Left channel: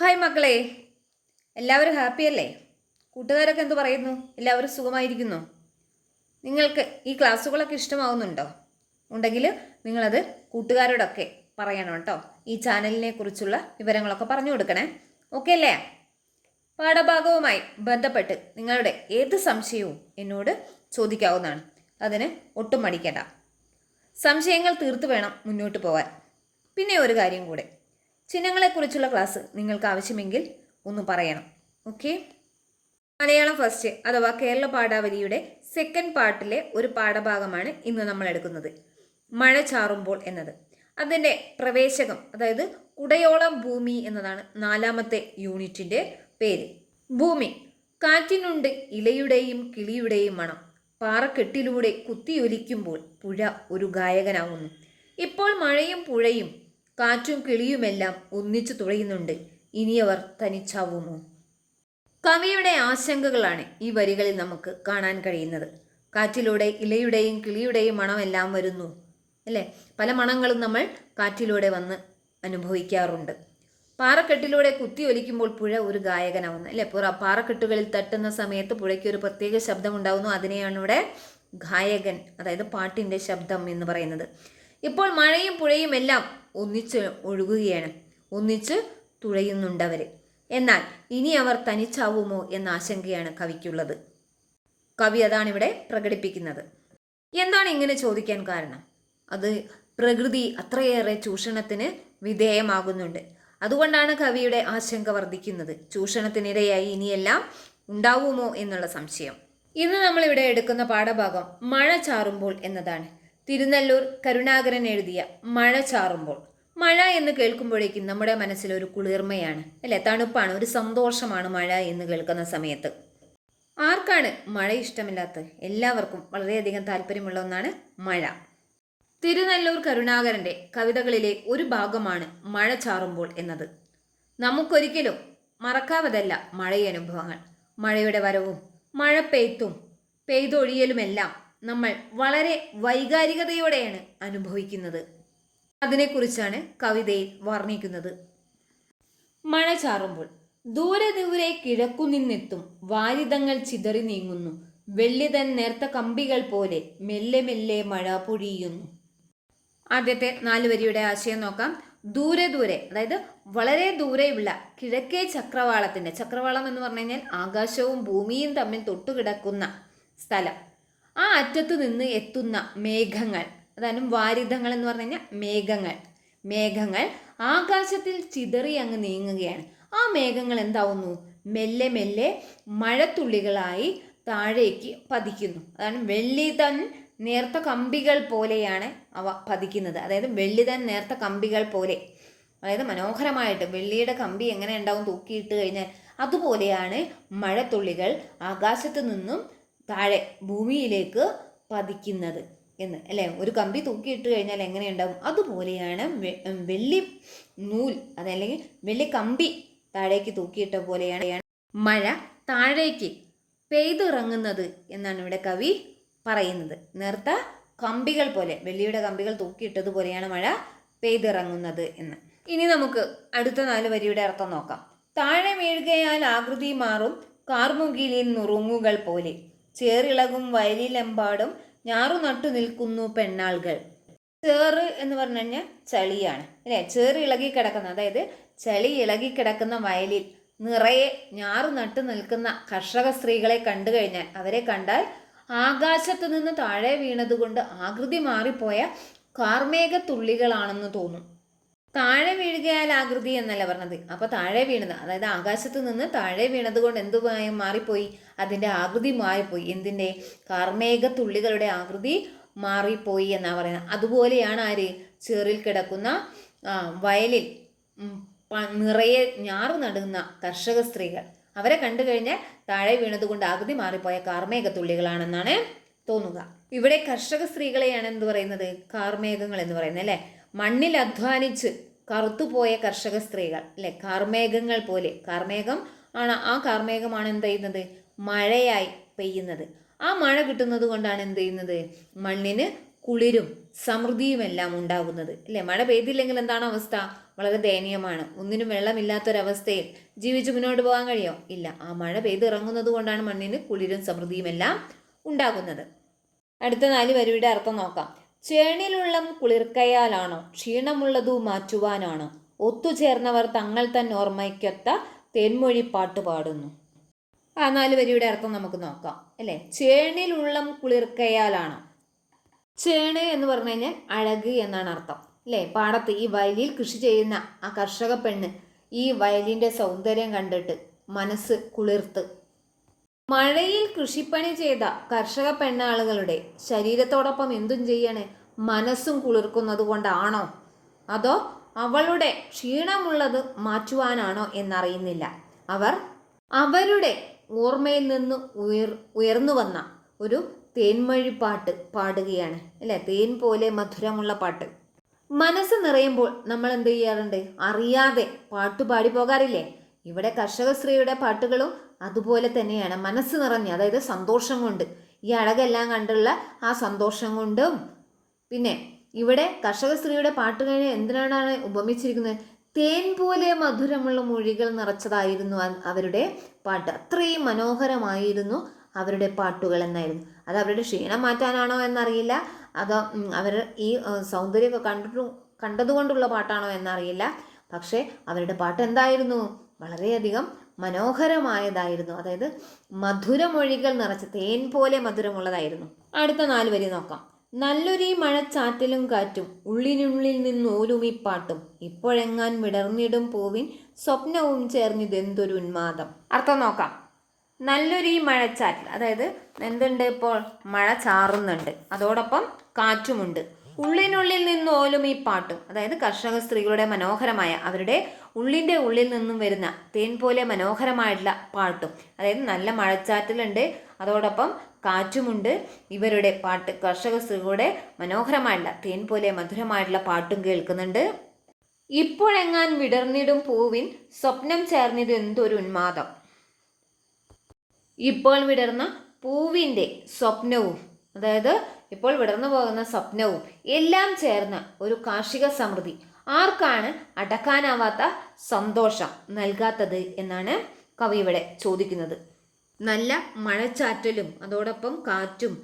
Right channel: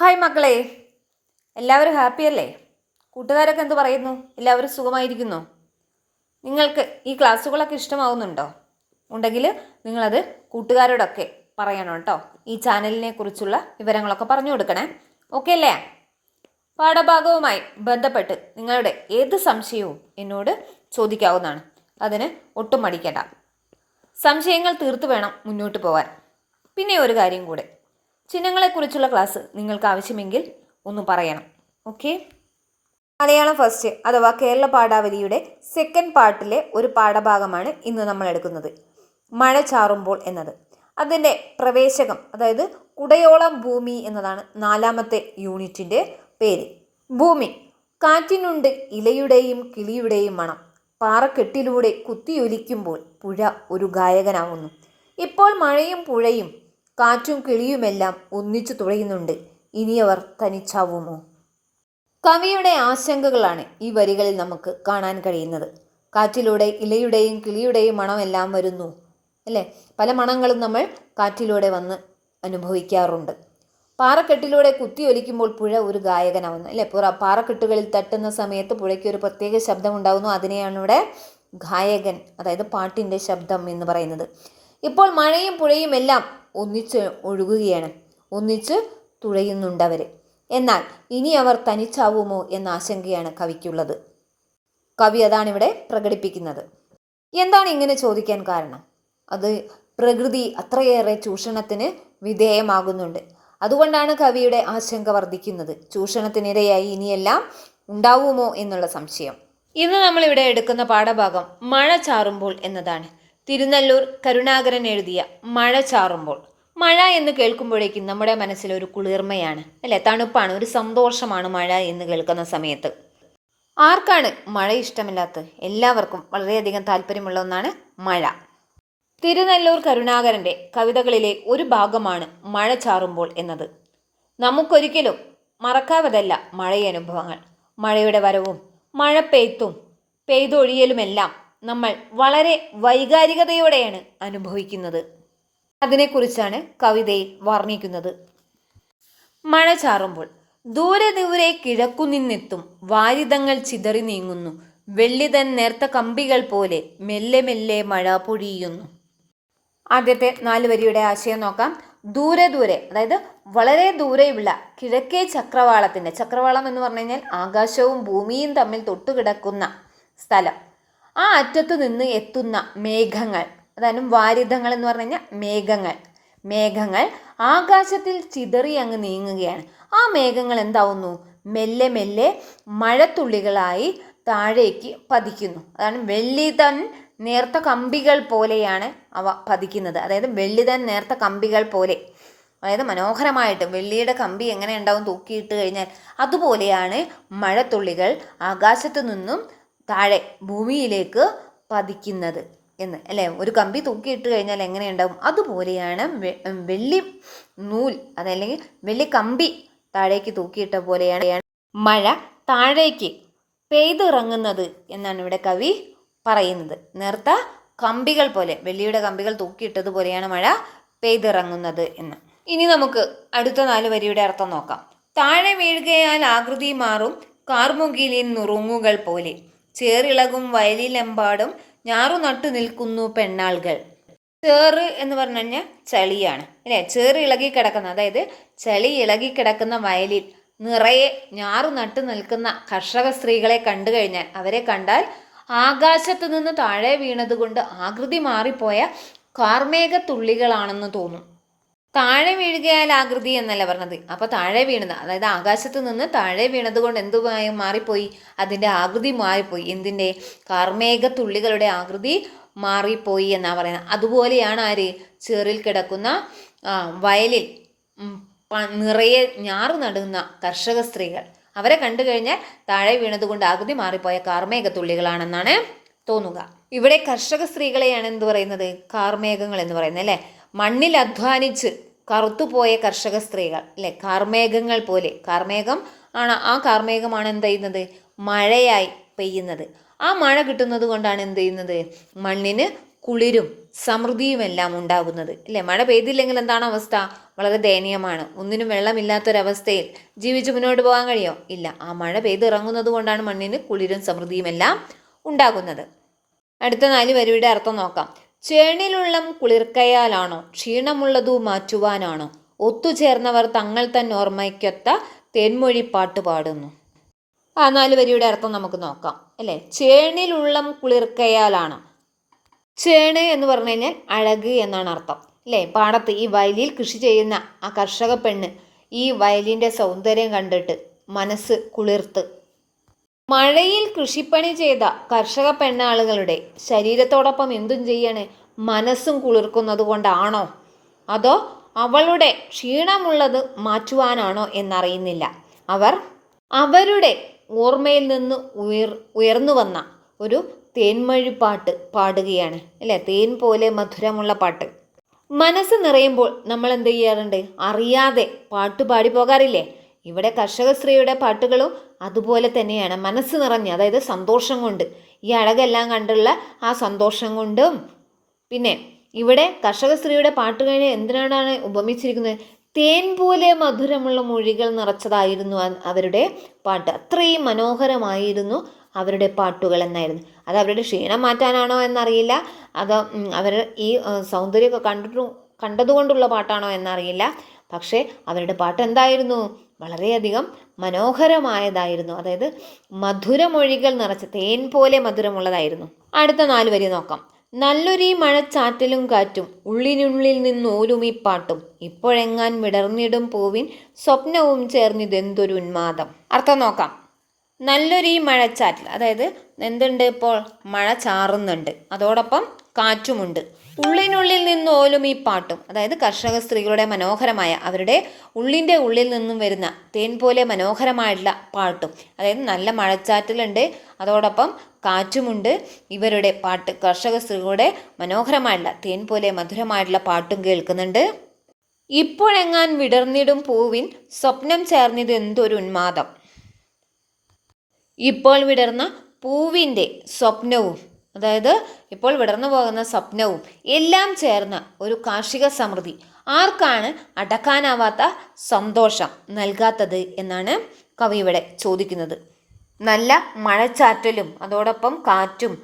Hi മക്കളെ. എല്ലാവരും happy അല്ലേ? കൂട്ടുകാരൊക്കെ എന്തു പറയുന്നു? എല്ലാവരും സുഖമായിരിക്കുന്നു. നിങ്ങൾക്ക് ഈ ക്ലാസ്സുകളൊക്കെ ഇഷ്ടമാവുന്നുണ്ടോ? ഉണ്ടെങ്കിൽ നിങ്ങളത് കൂട്ടുകാരോടൊക്കെ പറയണം കേട്ടോ. ഈ ചാനലിനെ കുറിച്ചുള്ള വിവരങ്ങളൊക്കെ പറഞ്ഞു കൊടുക്കണേ. ഓക്കെ അല്ലേ? പാഠഭാഗവുമായി ബന്ധപ്പെട്ട് നിങ്ങളുടെ ഏത് സംശയവും എന്നോട് ചോദിക്കാവുന്നതാണ്. അതിന് ഒട്ടും മടിക്കേണ്ട. സംശയങ്ങൾ തീർത്തു വേണം മുന്നോട്ട് പോകാൻ പിന്നെ ഒരു കാര്യം കൂടെ. ചിഹ്നങ്ങളെക്കുറിച്ചുള്ള ക്ലാസ് നിങ്ങൾക്ക് ആവശ്യമെങ്കിൽ ഒന്ന് പറയണം. ഓക്കെ മലയാളം ഫസ്റ്റ് അഥവാ കേരള പാഠാവലിയുടെ സെക്കൻഡ് പാർട്ടിലെ ഒരു പാഠഭാഗമാണ് ഇന്ന് നമ്മൾ എടുക്കുന്നത്. മഴ ചാറുമ്പോൾ എന്നത്. അതിന്റെ പ്രവേശകം അതായത് കുടയോളം ഭൂമി എന്നതാണ് നാലാമത്തെ യൂണിറ്റിന്റെ പേര്. ഭൂമി കാറ്റിനുണ്ട് ഇലയുടെയും കിളിയുടെയും മണം. പാറക്കെട്ടിലൂടെ കുത്തിയൊലിക്കുമ്പോൾ പുഴ ഒരു ഗായകനാവുന്നു. ഇപ്പോൾ മഴയും പുഴയും കാറ്റും കിളിയുമെല്ലാം ഒന്നിച്ചു തുഴയുന്നുണ്ട് ഇനിയവർ തനിച്ചാവുമോ? കവിയുടെ ആശങ്കകളാണ് ഈ വരികളിൽ നമുക്ക് കാണാൻ കഴിയുന്നത്. കാറ്റിലൂടെ ഇലയുടെയും കിളിയുടെയും മണമെല്ലാം വരുന്നു അല്ലേ? പല മണങ്ങളും നമ്മൾ കാറ്റിലൂടെ വന്ന് അനുഭവിക്കാറുണ്ട്. പാറക്കെട്ടിലൂടെ കുത്തിയൊലിക്കുമ്പോൾ പുഴ ഒരു ഗായകനാവുന്നു അല്ലേ? പുറ പാറക്കെട്ടുകളിൽ തട്ടുന്ന സമയത്ത് പുഴയ്ക്ക് ഒരു പ്രത്യേക ശബ്ദമുണ്ടാകുന്നു അതിനെയാണ് ഇവിടെ ഗായകൻ അതായത് പാട്ടിന്റെ ശബ്ദം എന്ന് പറയുന്നത്. ഇപ്പോൾ മഴയും പുഴയും എല്ലാം ഒന്നിച്ച് ഒഴുകുകയാണ്. ഒന്നിച്ച് തുഴയുന്നുണ്ടവർ എന്നാൽ ഇനി അവർ തനിച്ചാവുമോ എന്ന ആശങ്കയാണ് കവിക്കുള്ളത്. കവി അതാണ് ഇവിടെ പ്രകടിപ്പിക്കുന്നത്. എന്താണ് ഇങ്ങനെ ചോദിക്കാൻ കാരണം? അത് പ്രകൃതി അത്രയേറെ ചൂഷണത്തിന് വിധേയമാകുന്നുണ്ട്. അതുകൊണ്ടാണ് കവിയുടെ ആശങ്ക വർദ്ധിക്കുന്നത്. ചൂഷണത്തിനിരയായി ഇനിയെല്ലാം ഉണ്ടാവുമോ എന്നുള്ള സംശയം. ഇന്ന് നമ്മളിവിടെ എടുക്കുന്ന പാഠഭാഗം മഴ ചാറുമ്പോൾ എന്നതാണ്. തിരുനെല്ലൂർ കരുണാകരൻ എഴുതിയ മഴ ചാറുമ്പോൾ. മഴ എന്ന് കേൾക്കുമ്പോഴേക്കും നമ്മുടെ മനസ്സിൽ ഒരു കുളിർമയാണ് അല്ലെ? തണുപ്പാണ് ഒരു സന്തോഷമാണ് മഴ എന്ന് കേൾക്കുന്ന സമയത്ത്. ആർക്കാണ് മഴ ഇഷ്ടമില്ലാത്തത്? എല്ലാവർക്കും വളരെയധികം താല്പര്യമുള്ള ഒന്നാണ് മഴ. തിരുനല്ലൂർ കരുണാകരന്റെ കവിതകളിലെ ഒരു ഭാഗമാണ് മഴ ചാറുമ്പോൾ എന്നത്. നമുക്കൊരിക്കലും മറക്കാവതല്ല മഴയനുഭവങ്ങൾ. മഴയുടെ വരവും മഴ പെയ്ത്തും പെയ്തൊഴിയലുമെല്ലാം നമ്മൾ വളരെ വൈകാരികതയോടെയാണ് അനുഭവിക്കുന്നത്. അതിനെക്കുറിച്ചാണ് കവിതയിൽ വർണിക്കുന്നത്. മഴ ചാറുമ്പോൾ ദൂരെ ദൂരെ കിഴക്കു നിന്നെത്തും വാരിതങ്ങൾ ചിതറി നീങ്ങുന്നു. വെള്ളിതൻ നേർത്ത കമ്പികൾ പോലെ മെല്ലെ മെല്ലെ മഴ പൊഴിയുന്നു. ആദ്യത്തെ നാല് വരിയുടെ ആശയം നോക്കാം. ദൂരെ ദൂരെ അതായത് വളരെ ദൂരെയുള്ള കിഴക്കേ ചക്രവാളത്തിന്റെ ചക്രവാളം എന്ന് പറഞ്ഞു കഴിഞ്ഞാൽ ആകാശവും ഭൂമിയും തമ്മിൽ തൊട്ടുകിടക്കുന്ന സ്ഥലം. ആ അറ്റത്ത് നിന്ന് എത്തുന്ന മേഘങ്ങൾ അതായത് വാരിതങ്ങൾ എന്ന് പറഞ്ഞു കഴിഞ്ഞാൽ മേഘങ്ങൾ മേഘങ്ങൾ ആകാശത്തിൽ ചിതറി അങ്ങ് നീങ്ങുകയാണ്. ആ മേഘങ്ങൾ എന്താവുന്നു? മെല്ലെ മെല്ലെ മഴത്തുള്ളികളായി താഴേക്ക് പതിക്കുന്നു. അതാണ് വെള്ളിതൻ നേർത്ത കമ്പികൾ പോലെയാണ് അവ പതിക്കുന്നത്. അതായത് വെള്ളിതൻ നേർത്ത കമ്പികൾ പോലെ. അതായത് മനോഹരമായിട്ട് വെള്ളിയുടെ കമ്പി എങ്ങനെ ഉണ്ടാവും തൂക്കിയിട്ട് കഴിഞ്ഞാൽ അതുപോലെയാണ് മഴത്തുള്ളികൾ ആകാശത്തു നിന്നും താഴെ ഭൂമിയിലേക്ക് പതിക്കുന്നത് എന്ന് അല്ലേ? ഒരു കമ്പി തൂക്കിയിട്ട് കഴിഞ്ഞാൽ എങ്ങനെ ഉണ്ടാവും അതുപോലെയാണ് വെള്ളി നൂൽ അതല്ലെങ്കിൽ വെള്ളി കമ്പി താഴേക്ക് തൂക്കിയിട്ട പോലെയാണ് മഴ താഴേക്ക് പെയ്തിറങ്ങുന്നത് എന്നാണ് ഇവിടെ കവി പറയുന്നത്. നേർത്ത കമ്പികൾ പോലെ വെള്ളിയുടെ കമ്പികൾ തൂക്കിയിട്ടതുപോലെയാണ് മഴ പെയ്തിറങ്ങുന്നത് എന്ന്. ഇനി നമുക്ക് അടുത്ത നാല് വരിയുടെ അർത്ഥം നോക്കാം. താഴെ വീഴുകയാൽ ആകൃതി മാറും കാർമുകിലിൻ നുറുങ്ങുകൾ പോലെ. ചേറിളകും വയലിലെമ്പാടും ഞാറു നട്ടു നിൽക്കുന്നു പെണ്ണാളുകൾ. ചേറ് എന്ന് പറഞ്ഞു കഴിഞ്ഞാൽ ചളിയാണ്. അല്ലേ? ചേറ് ഇളകി കിടക്കുന്ന അതായത് ചളി ഇളകി കിടക്കുന്ന വയലിൽ നിറയെ ഞാറു നട്ടു നിൽക്കുന്ന കർഷക സ്ത്രീകളെ കണ്ടു കഴിഞ്ഞാൽ അവരെ കണ്ടാൽ ആകാശത്ത് നിന്ന് താഴെ വീണതുകൊണ്ട് ആകൃതി മാറിപ്പോയ കാർമേഘ തുള്ളികളാണെന്ന് തോന്നും. താഴെ വീഴുകയാൽ ആകൃതി എന്നല്ല പറഞ്ഞത്. അപ്പോൾ താഴെ വീണത് അതായത് ആകാശത്ത് നിന്ന് താഴെ വീണത് കൊണ്ട് എന്ത് മാറിപ്പോയി? അതിന്റെ ആകൃതി മാറിപ്പോയി. എന്തിന്റെ? കാർമേഘ തുള്ളികളുടെ ആകൃതി മാറിപ്പോയി എന്നാണ് പറയുന്നത്. അതുപോലെയാണ് ആര്? ചെറിൽ കിടക്കുന്ന വയലിൽ നിറയെ ഞാറ് നടുന്ന കർഷക സ്ത്രീകൾ. അവരെ കണ്ടു കഴിഞ്ഞാൽ താഴെ വീണതുകൊണ്ട് ആകൃതി മാറിപ്പോയ കാർമേഘത്തുള്ളികളാണെന്നാണ് തോന്നുക. ഇവിടെ കർഷക സ്ത്രീകളെയാണ് എന്ത് പറയുന്നത്? കാർമേഘങ്ങൾ എന്ന് പറയുന്നത് അല്ലേ? മണ്ണിൽ അധ്വാനിച്ച് കറുത്തുപോയ കർഷക സ്ത്രീകൾ അല്ലെ? കാർമേഘങ്ങൾ പോലെ. കാർമേഘം ആണ്. ആ കാർമേഘമാണ് എന്ത് ചെയ്യുന്നത്? മഴയായി പെയ്യുന്നത്. ആ മഴ കിട്ടുന്നത് കൊണ്ടാണ് എന്ത് ചെയ്യുന്നത്? മണ്ണിന് കുളിരും സമൃദ്ധിയുമെല്ലാം ഉണ്ടാകുന്നത്. അല്ലേ? മഴ പെയ്തില്ലെങ്കിൽ എന്താണ് അവസ്ഥ? വളരെ ദയനീയമാണ്. ഒന്നിനും വെള്ളമില്ലാത്തൊരവസ്ഥയിൽ ജീവിച്ച് മുന്നോട്ട് പോകാൻ കഴിയോ? ഇല്ല. ആ മഴ പെയ്തിറങ്ങുന്നത് കൊണ്ടാണ് മണ്ണിന് കുളിരും സമൃദ്ധിയുമെല്ലാം ഉണ്ടാകുന്നത്. അടുത്ത നാല് വരിയുടെ അർത്ഥം നോക്കാം. ചേണിലുള്ളം കുളിർക്കയാലാണോ ക്ഷീണമുള്ളതു മാറ്റുവാനാണോ? ഒത്തുചേർന്നവർ തങ്ങൾ തന്നെ ഓർമ്മയ്ക്കൊത്ത തേൻമൊഴി പാട്ട് പാടുന്നു. ആ നാല് വരിയുടെ അർത്ഥം നമുക്ക് നോക്കാം. അല്ലേ? ചേണിലുള്ളം കുളിർക്കയാലാണ്? ചേണ് എന്ന് പറഞ്ഞു കഴിഞ്ഞാൽ അഴക് എന്നാണ് അർത്ഥം. അല്ലേ? പാടത്ത് ഈ വയലിൽ കൃഷി ചെയ്യുന്ന ആ കർഷക പെണ്ണ് ഈ വയലിന്റെ സൗന്ദര്യം കണ്ടിട്ട് മനസ്സ് കുളിർത്ത് മഴയിൽ കൃഷിപ്പണി ചെയ്ത കർഷക പെണ്ണാളുകളുടെ ശരീരത്തോടൊപ്പം എന്തും ചെയ്യണേ മനസ്സും കുളിർക്കുന്നത് കൊണ്ടാണോ? അതോ അവളുടെ ക്ഷീണമുള്ളത് മാറ്റുവാനാണോ എന്നറിയുന്നില്ല. അവർ അവരുടെ ഓർമ്മയിൽ നിന്ന് ഉയർ ഉയർന്നു വന്ന ഒരു തേൻമഴിപ്പാട്ട് പാടുകയാണ്. അല്ലേ? തേൻ പോലെ മധുരമുള്ള പാട്ട്. മനസ്സ് നിറയുമ്പോൾ നമ്മൾ എന്ത് ചെയ്യാറുണ്ട്? അറിയാതെ പാട്ട് പാടി പോകാറില്ലേ? ഇവിടെ കർഷക സ്ത്രീയുടെ പാട്ടുകളും അതുപോലെ തന്നെയാണ് മനസ്സ് നിറഞ്ഞ് അതായത് സന്തോഷം കൊണ്ട്. ഈ അഴകെല്ലാം കണ്ടുള്ള ആ സന്തോഷം കൊണ്ടും. പിന്നെ ഇവിടെ കർഷക സ്ത്രീയുടെ പാട്ടുകളെ എന്തിനാണ് ഉപമിച്ചിരിക്കുന്നത്? തേൻ പോലെ മധുരമുള്ള മൊഴികൾ നിറച്ചതായിരുന്നു അവരുടെ പാട്ട്. അത്രയും മനോഹരമായിരുന്നു അവരുടെ പാട്ടുകൾ എന്നായിരുന്നു. അത് അവരുടെ ക്ഷീണം മാറ്റാനാണോ എന്നറിയില്ല. അത് അവർ ഈ സൗന്ദര്യമൊക്കെ കണ്ടിട്ടു കണ്ടതുകൊണ്ടുള്ള പാട്ടാണോ എന്നറിയില്ല. പക്ഷേ അവരുടെ പാട്ട് എന്തായിരുന്നു? വളരെയധികം മനോഹരമായതായിരുന്നു. അതായത് മധുരമൊഴികൾ നിറച്ച തേൻ പോലെ മധുരമുള്ളതായിരുന്നു. അടുത്ത നാല് വരി നോക്കാം. നല്ലൊരീ മഴച്ചാറ്റലും കാറ്റും ഉള്ളിനുള്ളിൽ നിന്നോലും ഈ പാട്ടും ഇപ്പോഴെങ്ങാൻ വിടർന്നിടും പൂവിൻ സ്വപ്നവും ചേർന്നിതെന്തൊരു ഉന്മാദം. അർത്ഥം നോക്കാം. നല്ലൊരു മഴച്ചാറ്റൽ അതായത് എന്തുണ്ട് ഇപ്പോൾ? മഴ ചാറുന്നുണ്ട്. അതോടൊപ്പം കാറ്റുമുണ്ട്. ഉള്ളിനുള്ളിൽ നിന്നോലും ഈ പാട്ടും അതായത് കർഷക സ്ത്രീകളുടെ മനോഹരമായ അവരുടെ ഉള്ളിന്റെ ഉള്ളിൽ നിന്നും വരുന്ന തേൻ പോലെ മനോഹരമായിട്ടുള്ള പാട്ടും. അതായത് നല്ല മഴച്ചാറ്റലുണ്ട് അതോടൊപ്പം കാറ്റുമുണ്ട്. ഇവരുടെ പാട്ട് കർഷക സ്ത്രീകളുടെ മനോഹരമായിട്ടുള്ള തേൻ പോലെ മധുരമായിട്ടുള്ള പാട്ടും കേൾക്കുന്നുണ്ട്. ഇപ്പോഴെങ്ങാൻ വിടർന്നിടും പൂവിൻ സ്വപ്നം ചേർന്നിത് എന്തൊരു ഉന്മാദം. ഇപ്പോൾ വിടർന്ന പൂവിന്റെ സ്വപ്നവും അതായത് ഇപ്പോൾ വിടർന്നു പോകുന്ന സ്വപ്നവും എല്ലാം ചേർന്ന ഒരു കാർഷിക സമൃദ്ധി. ആർക്കാണ് അടക്കാനാവാത്ത സന്തോഷം നൽകാത്തത് എന്നാണ് കവി ഇവിടെ ചോദിക്കുന്നത്. നല്ല മഴച്ചാറ്റലും അതോടൊപ്പം കാറ്റും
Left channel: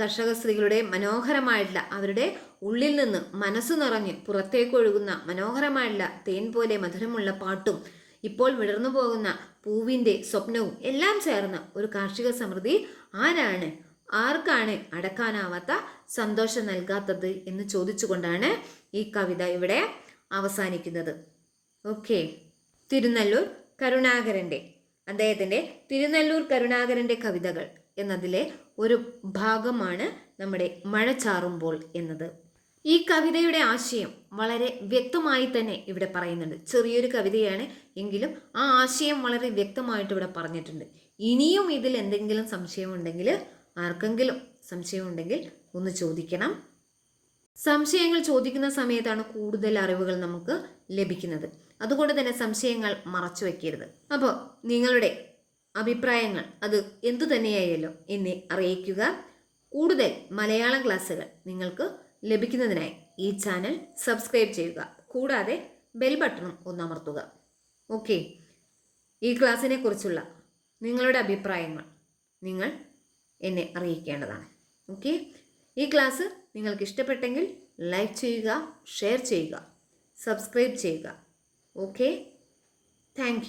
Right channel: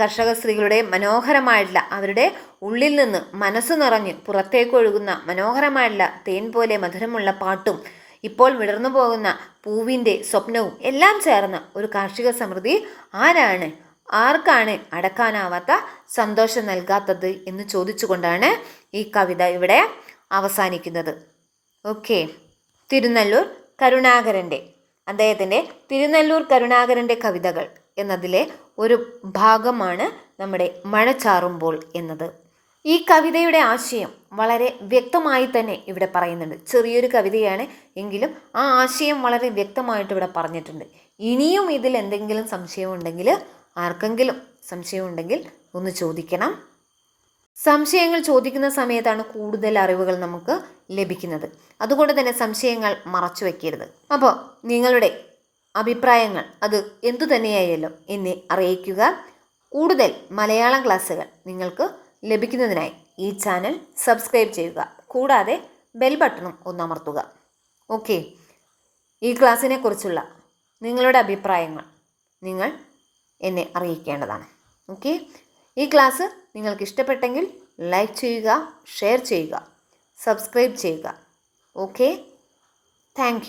കർഷക സ്ത്രീകളുടെ മനോഹരമായിട്ടുള്ള അവരുടെ ഉള്ളിൽ നിന്ന് മനസ്സ് നിറഞ്ഞ് പുറത്തേക്ക് ഒഴുകുന്ന മനോഹരമായിട്ടുള്ള തേൻ പോലെ മധുരമുള്ള പാട്ടും ഇപ്പോൾ വിടർന്നു പോകുന്ന പൂവിന്റെ സ്വപ്നവും എല്ലാം ചേർന്ന ഒരു കാർഷിക സമൃദ്ധി ആരാണ് ആർക്കാണ് അടക്കാനാവാത്ത സന്തോഷം നൽകാത്തത് എന്ന് ചോദിച്ചുകൊണ്ടാണ് ഈ കവിത ഇവിടെ അവസാനിക്കുന്നത്. ഓക്കെ. തിരുനെല്ലൂർ കരുണാകരന്റെ അദ്ദേഹത്തിന്റെ തിരുനെല്ലൂർ കരുണാകരന്റെ കവിതകൾ എന്നതിലെ ഒരു ഭാഗമാണ് നമ്മുടെ മഴ ചാറുമ്പോൾ എന്നത്. ഈ കവിതയുടെ ആശയം വളരെ വ്യക്തമായി തന്നെ ഇവിടെ പറയുന്നുണ്ട്. ചെറിയൊരു കവിതയാണ് എങ്കിലും ആ ആശയം വളരെ വ്യക്തമായിട്ട് ഇവിടെ പറഞ്ഞിട്ടുണ്ട്. ഇനിയും ഇതിൽ എന്തെങ്കിലും സംശയമുണ്ടെങ്കിൽ ആർക്കെങ്കിലും സംശയമുണ്ടെങ്കിൽ ഒന്ന് ചോദിക്കണം. സംശയങ്ങൾ ചോദിക്കുന്ന സമയത്താണ് കൂടുതൽ അറിവുകൾ നമുക്ക് ലഭിക്കുന്നത്. അതുകൊണ്ട് തന്നെ സംശയങ്ങൾ മറച്ചു വയ്ക്കരുത് അപ്പോൾ നിങ്ങളുടെ അഭിപ്രായങ്ങൾ അത് എന്തു തന്നെയായാലും എന്നെ അറിയിക്കുക. കൂടുതൽ മലയാളം ക്ലാസ്സുകൾ നിങ്ങൾക്ക് ലഭിക്കുന്നതിനായി ഈ ചാനൽ സബ്സ്ക്രൈബ് ചെയ്യുക. കൂടാതെ ബെൽ ബട്ടണും ഒന്ന് അമർത്തുക. ഓക്കെ. ഈ ക്ലാസ്സിനെ കുറിച്ചുള്ള നിങ്ങളുടെ അഭിപ്രായങ്ങൾ നിങ്ങൾ എന്നെ അറിയിക്കേണ്ടതാണ്. ഓക്കെ ഈ ക്ലാസ് നിങ്ങൾക്ക് ഇഷ്ടപ്പെട്ടെങ്കിൽ ലൈക്ക് ചെയ്യുക ഷെയർ ചെയ്യുക സബ്സ്ക്രൈബ് ചെയ്യുക. Okay thank